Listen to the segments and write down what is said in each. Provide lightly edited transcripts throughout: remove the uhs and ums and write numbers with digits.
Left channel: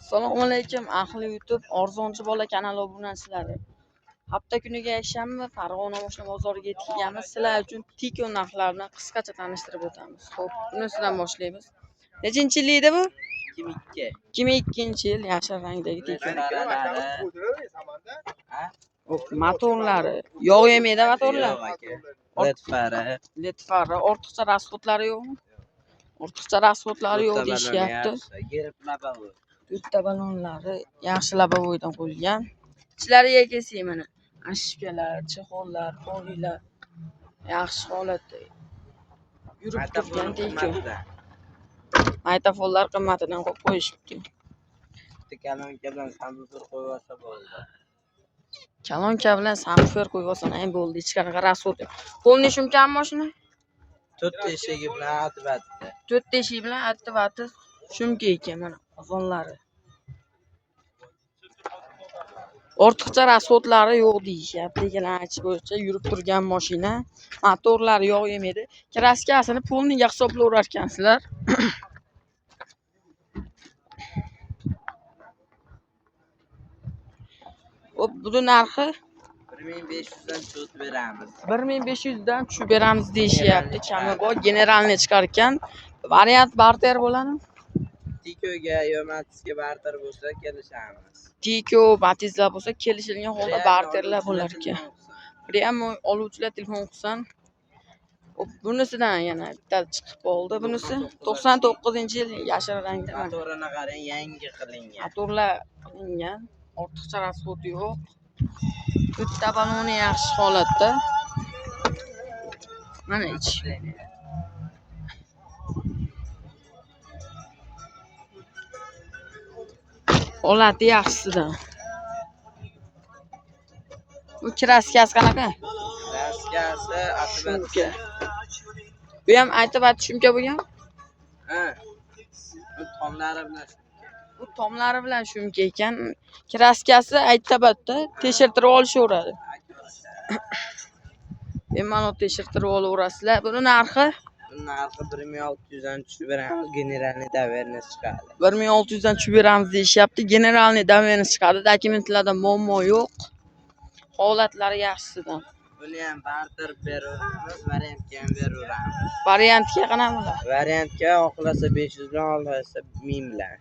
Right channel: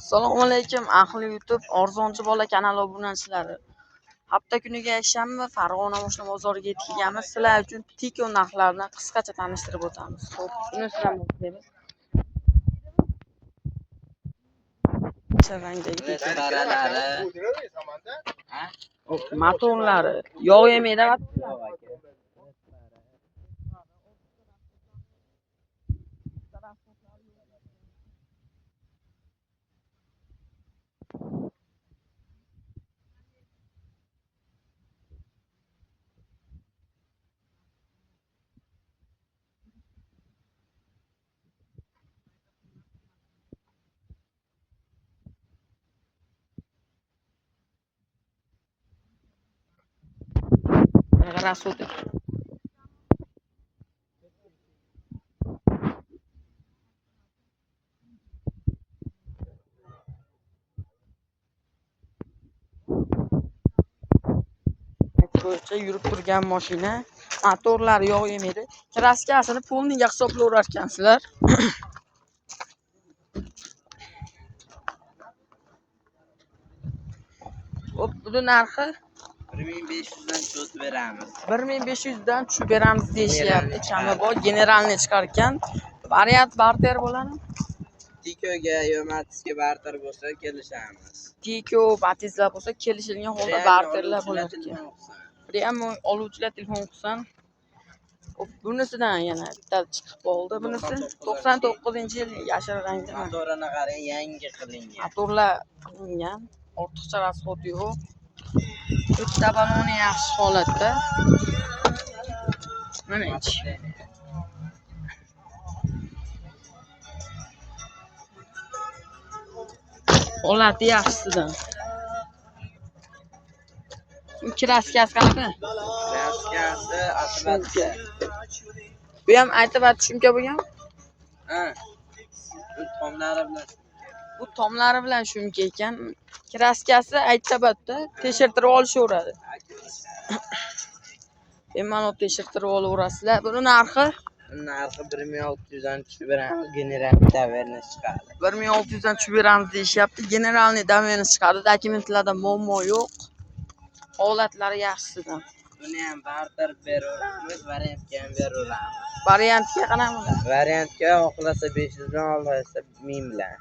Assalomu alaykum ahli YouTube Arzonchi bola kanali obunachilari. Hafta kuniga yakshanba Farg'ona mashina bozoriga yetkazganmiz. Sizlar uchun Tiko narxlarini qisqacha tanishtirib o'tamiz. Xo'p, bunisidan boshlaymiz. Nechinchi yil edi bu? 2002. 2002-yil yashil rangdagi Tiko. Hop, motorlari yog' yemaydi motorlar. LED fari, ortiqcha rasxodlari yo'qmi? Ortiqcha rasxodlari yo'q deyishyapti. To'rtta balonlari yaxshi labovoydan qo'yilgan. Ichlariga kelsak mana ashkalar, chexollar, poliylar yaxshi holatda yurib turgan Tiko. Maytafonlar qimmatidan qo'yib qo'yishibdi. Kalonka bilan sambufer qo'yib olsa bo'ldi. Kalonka bilan sambufer qo'yib olsam ham bo'ldi. Ichkariga rasxod. Polni shumkami mashina? 4 eshigi bilan atbat. 4 eshik bilan attivati shumka ekan mana ozonlari. Ortiqcha rasxodlari yo'q deyishyapti. Degan aytish bo'yicha yurib turgan mashina. Motorlari yog' yemaydi. Kraskasini polniga hisoblayverar ekansizlar. Hop, buni narxi 1500 dan tushib beramiz. 1500 dan tushib beramiz deyishyapti. Chami bor, generalni chiqar ekan. Variant barter bo'ladimi? Tikoga yo Matizga barter bo'lsa kelishamiz. Tiko, Matizlar bo'lsa kelishilgan holda barterlar bo'lar ekan. Ham oluvchilar telefon qilsin. Bunisidan yana bitta chiqib qoldi. Bunisi 99-yil yashil rangda. Motorini qarang, yangi qilingan. Motorlar qilingan. Ortiqcha rasxod yo'q. Bitta baloni yaxshi holatda. Mana ichi. Holati yaxshisidan. Bu kraskasi qanaqa? Kraskasi atbat. Bu ham aytib shumka bo'lgan? Ha. Bu tomlari bilan. Bu tomlari bilan shumka ekan. Kraskasi aytsabatda tekshirtirib olishaveradi. Bemalol tekshirtirib olaverasizlar. Buni narxi? Buni narxi 1600 dan tushib beramiz. Generalniy daverni chiqadi. 1600 dan tushib beramiz deyishyapti. Generalniy daverni chiqadi. Dokumentlarda muammo yo'q. Holatlari yaxshisidan. Buni ham barter beraveramiz, variantga ham beraveramiz. Variantga qanaqa? Variantga xohlasa 500 dan, xohlasa 1000 bilan.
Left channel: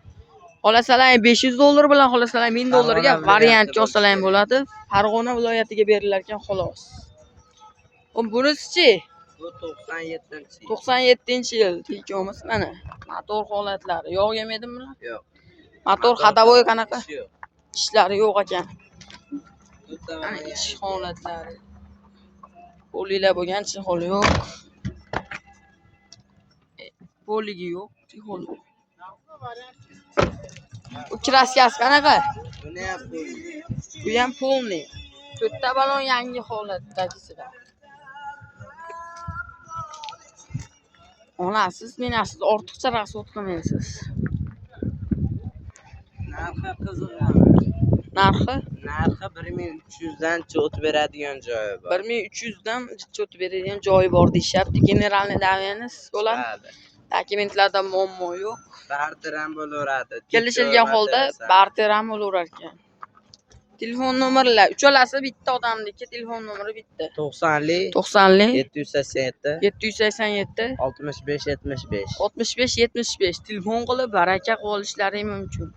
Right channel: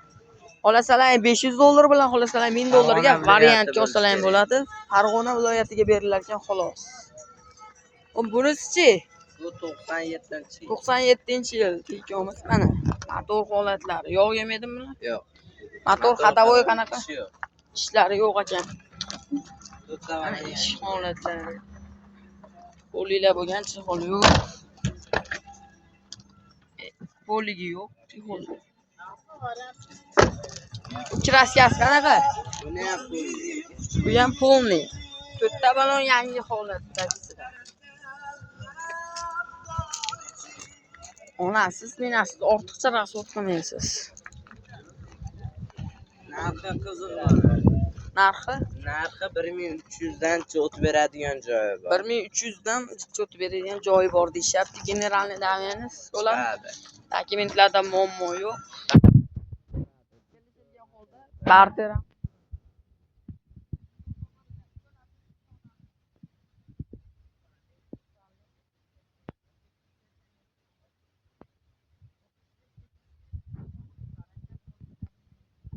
Xolasalar $500 bilan, xolasalar $1000 ga variantga olsalar ham bo'ladi. Farg'ona viloyatiga berilar ekan xolos. Bunisi-chi? Bu 97-yil. 97-yil Tiko'miz mana. Motor holatlari yog' yemaydimi bular? Yo'q. Motor xadavoy qanaqa? Yo'q. Ishlari yo'q ekan. Mana ish holatlari. Polilar bo'lgan, chexol yo'q. Poligi yo'q, chexol. Bu kraskasi qanaqa? Buni ham Bu ham polni. To'rtta balon yangi holatdagisidan. Onasiz, menasiz ortiqcha rasxod qilmaysiz. narxi qiziq. Narxi? Narxi 1300 dan o'tib beradigan joyi bor. 1300 dan o'tib beradigan joyi bor deyishyapti. Generalniy daverimiz bo'ladi. Dokumentlarda muammo yo'q. Barter ham bo'laveradi. Kelishilgan holda barter ham bo'laverar ekan. Telefon nomerlar uchalasi bitta odamniki, telefon nomeri bitta. 90 787 787 65 75 65 75 telefon qilib baraka qilishlari mumkin.